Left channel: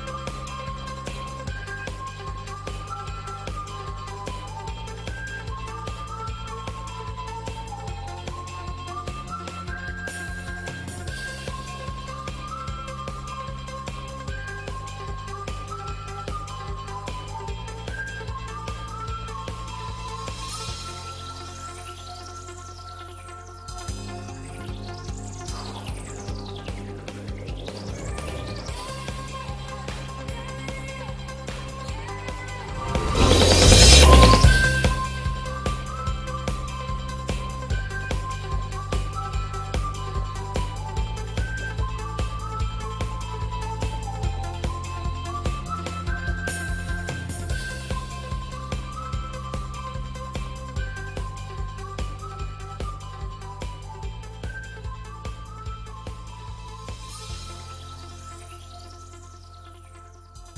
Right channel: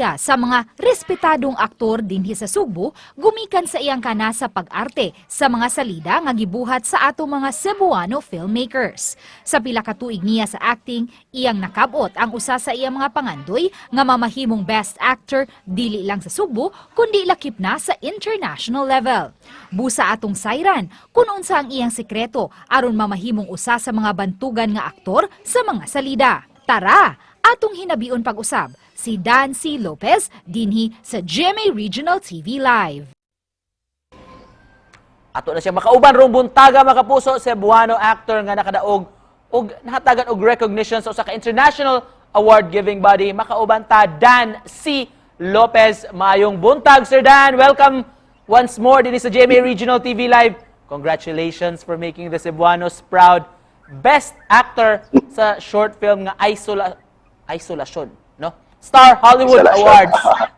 siya sa mga respetadong aktor dinhi sa Subo, gumikan sa iyang kana sa pag-arte sa mga salida nga gibuhat sa ato mga Cebuano filmmakers. Sa pila ka tuig niya sa acting, iyang nakabot ang usa sa iyang mga pangandoy nga mamahimong Best Actor dili lang sa Subo kundi lakip na sa international level. Busa atong sayran kung unsa ang iyang sekreto aron mamahimong usa sa mga bantugan nga aktor sa mga salida. Tara, atong hinabion pag-usap si Dancy Lopez dinhi sa GMA Regional TV Live. Ato na siya makauban rong buntaga mga kapuso, Cebuano actor nga nakadaog og nahatagan og recognition sa usa ka international award giving body. Makauban ta Dan C. Lopez. Maayong buntag Sir Dan. Welcome once more din sa GMA Regional TV Live. Congratulations for making the Cebuanos proud. Best actor sa short film nga Isolasyon, no? Star Hollywood Awards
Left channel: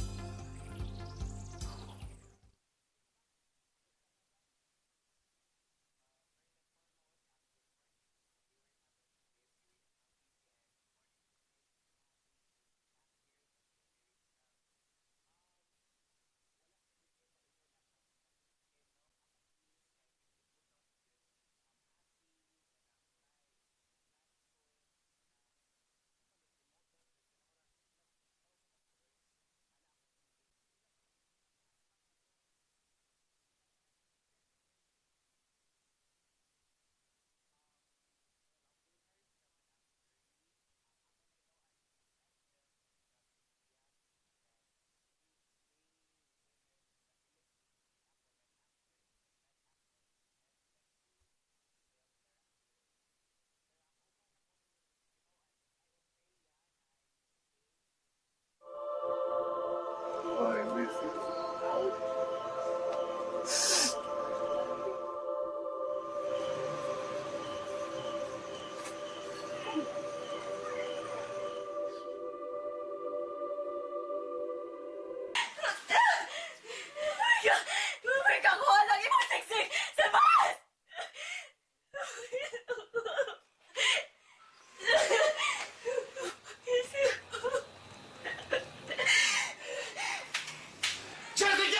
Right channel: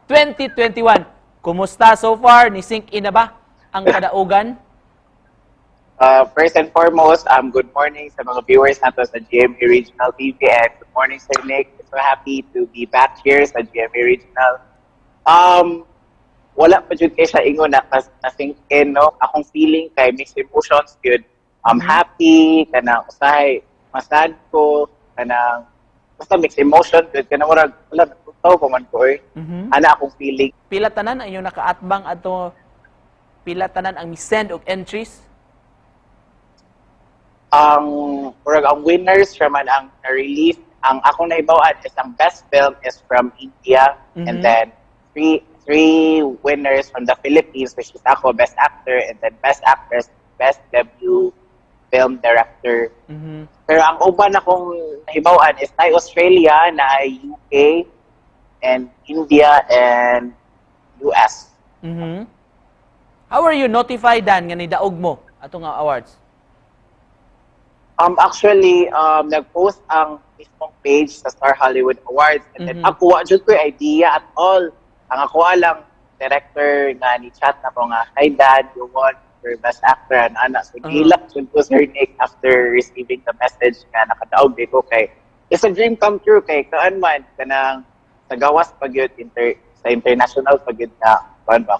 2021. Kumusta so far? Ni-sync in na ba ang kadaugan? First and foremost, good morning sa mga viewers nato sa GMA Regional TV and good morning Sir Nick. So happy to be back here sa GMA Regional. Wala pa jud kay sa ingon na na-sync in, no? Akong feeling kay mixed emotions yun. Happy, kanang usahay, masad ko, kanang basta mixed emotion, yun. Kanang murag, wala, natutaw pa man ko eh. Ana akong feeling. Pila tanan ang inyong nakaatbang ato, pila tanan ang mi-send og entries? Murag ang winners siya man ang na-release. Ang akong naibawaan is ang best film is from India and then three winners from the Philippines, which is ako, best actor, and then best actress, best debut film director. Pero ang uban akong naibawaan is na Australia, na UK, and India, and US. How are you notified Dan nga nidaog mo atong awards? Actually, nag-post ang Facebook page sa Star Hollywood Awards, and then ako, wa jud ko idea at all. Ang ako alang director nga ni chat na ko nga, hi Dad, you want your best actor and anak. So gilak yun ko Sir Nick after receiving the message na nakadaog di ko kay it's a dream come true kay kaan man kanang nagawas pag yun sa international pag yun na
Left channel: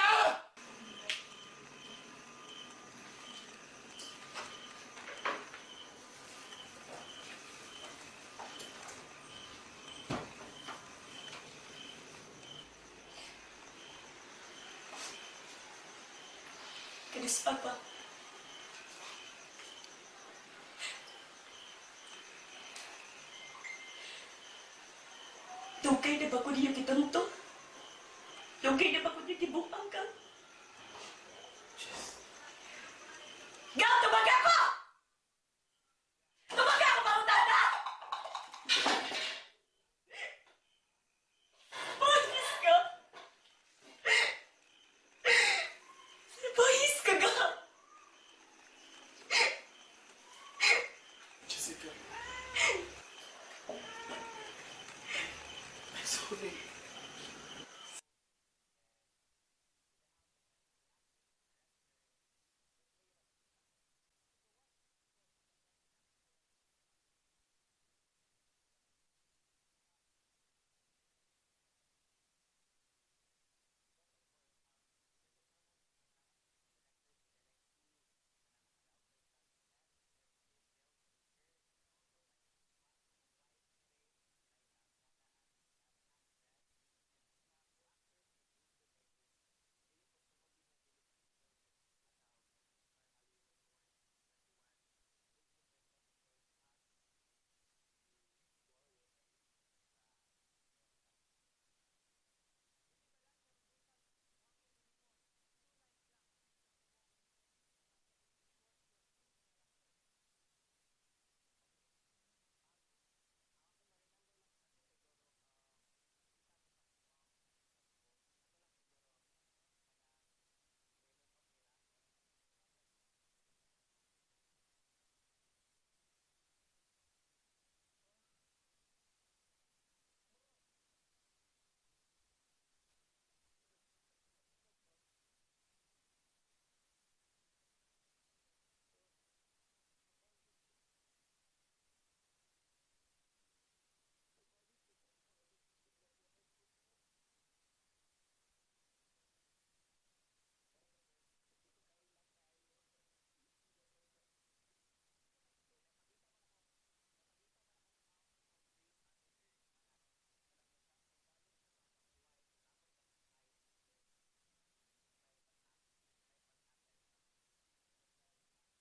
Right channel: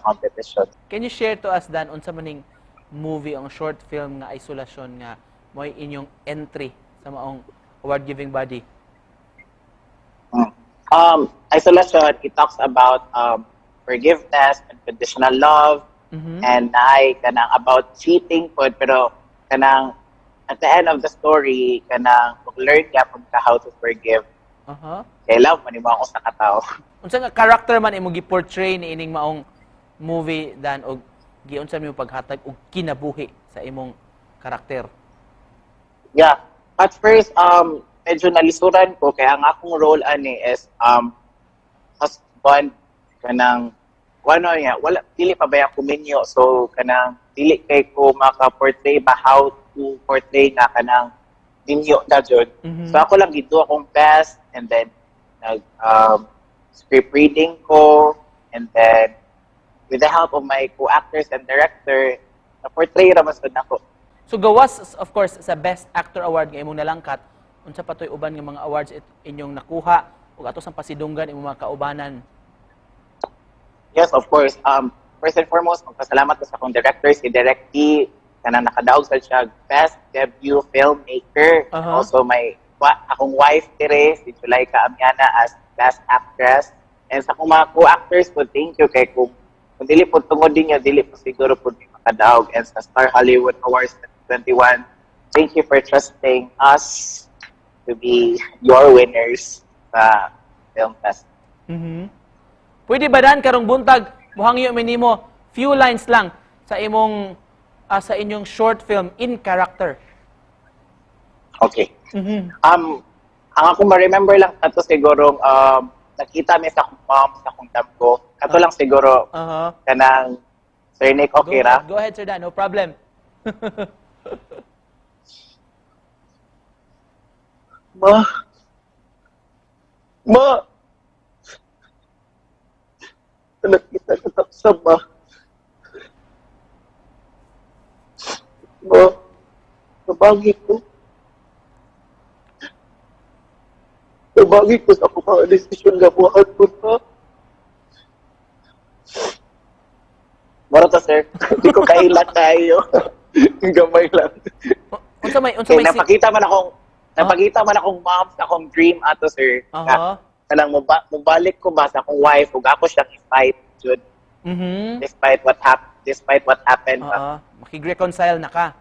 competition. Can you share to us Dan unsa maning movie ang short film nga Isolasyon nga mo'y inyong entry sa maong award giving body? Isolation, it talks about forgiveness, unconditional love, and kanang about cheating po, pero kanang at the end of the story, kanang learn ka kung how to forgive. Kaya love, manibang ako sa katao. Unsa nga character man imong gi-portray ni ining maong movie Dan og giunsa mi paghatag og kinabuhi sa imong karakter? Yeah. At first, medyo nalisuran ko kaya ang akong role ani is husband kanang wala dili pa ba kuminyo, so kanang dili kay ko maka-portray ba how to portray nga kanang sinyo na jud. So ako lang gito akong best, and then script reading ko, and then with the help of my co-actors and director, na-portray ra mas nako. So gawas of course sa Best Actor Award nga imong nalangkat, unsa pa toy uban nga mga awards inyong nakuha ug ato sang pasidunggan imong mga kaubanan? Yes, of course. First and foremost, magpasalamat ko sa akong director, si Direk T, kanang nakadaog sa siya Best Debut Filmmaker. Also, akong wife, Tere, si Julayka Amiana as Best Actress. And sa akong mga co-actors po, thank you kay kung dili po tungod din niya, dili po siguro po di makadaog. And sa Star Hollywood Awards 2021, thank you for trusting us to be your winners sa Film Fest. Pwede ba Dan karong buntag muhangyo minimo few lines lang sa imong sa inyong short film in character? Okay. Ang ako ma-remember lang ato siguro nakita mi sa akong mom sa akong damgo. Kato lang siguro kanang Sir Nick, okay ra? Go ahead Sir Dan, no problem. Ma, nakita ko sa ma. Ma, nabagi ko. Nabagi ko sa akong mga desisyon nga buhat ko na. to, sir. Hindi ko kailan tayo. Gamay lang. Unsa may Kaya napakita man akong mom sa akong dream ato, sir. Aha. Kanang mubalik ko ba sa akong wife ug ako siyang i-fight jud despite what happened. Oo. Makig-reconcile na ka.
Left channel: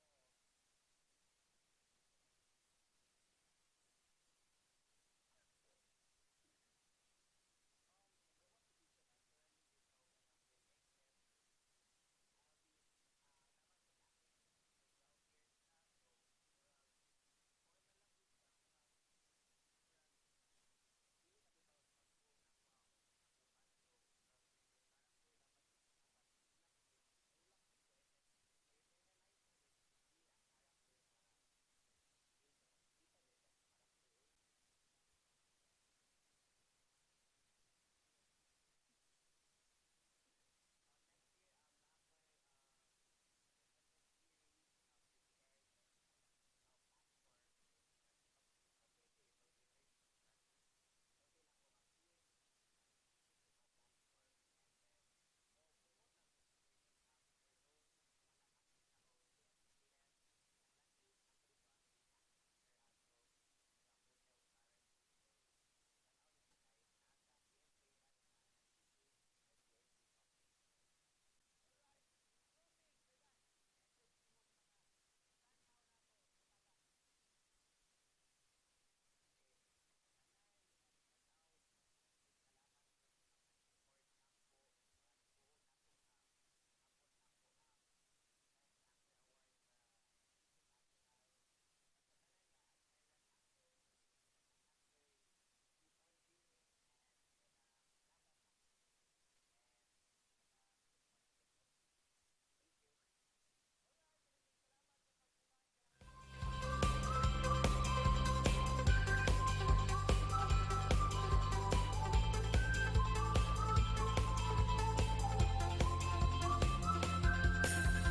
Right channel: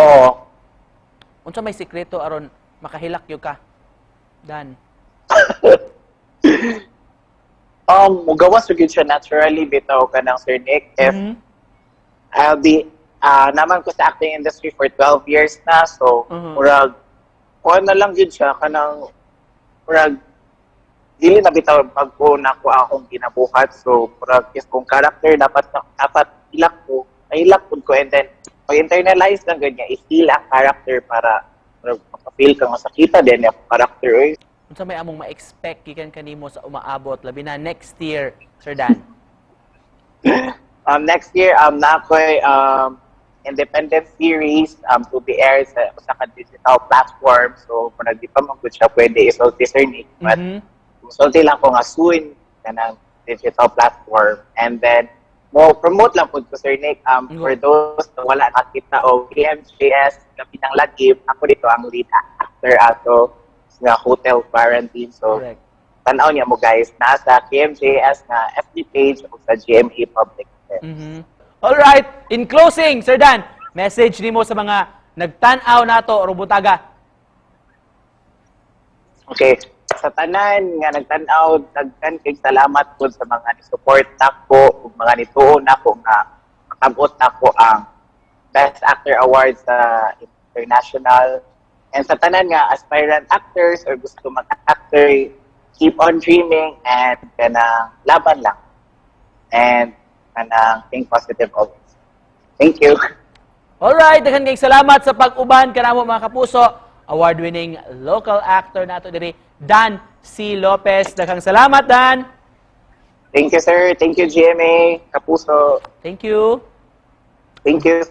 Oo. Unsa may sikreto aron makahilak yo ka? Dan. Mugawas gyud siya naturally bitaw kanang Sir Nick. If I'll be naman ko sa acting industry for 12 years na, so murag kuha na lang gyud siya kanang murag dili na bitaw pagko na ko akong ginabuhat, so murag if kung character dapat ilak ko and then pag-internalize lang ganyan, i-feel ang character para maka-feel ka masakita din yung character. Unsa may among ma-expect gikan kanimo sa umaabot labi na next year, Sir Dan? Next year, na ako'y independent series to be aired sa digital platform. So, kung di pa mag-good siya, pwede isulti Sir Nick. But, isulti lang ko nga soon ka ng digital platform. And then, promote lang po ko Sir Nick. For those na wala nakita o KMJS, gabi ng lagib, ako dito ang lead actor ato sa Hotel Quarantine. So, Correct. tanaw niya mo guys, nasa KMJS na FB page o sa GMA Public. All right, in closing, Sir Dan, message nimo sa mga nagtan-aw nato o butaga. Okay, sa tanan nga nagtan-aw, daghan kay salamat po sa mga ni-support nako ug mga nituon nako nga makabot nako ang Best Actor Award sa international. And sa tanan nga aspirant actors or gusto mag-actor, keep on dreaming and kanang laban lang. And kanang think positive always. Thank you. Alright, daghan kay salamat sa pag-uban kanamo mga kapuso. Award-winning local actor nato diri, Dan C. Lopez. Daghang salamat, Dan. Thank you, sir. Thank you, GMA. Kapuso. Thank you. Thank you.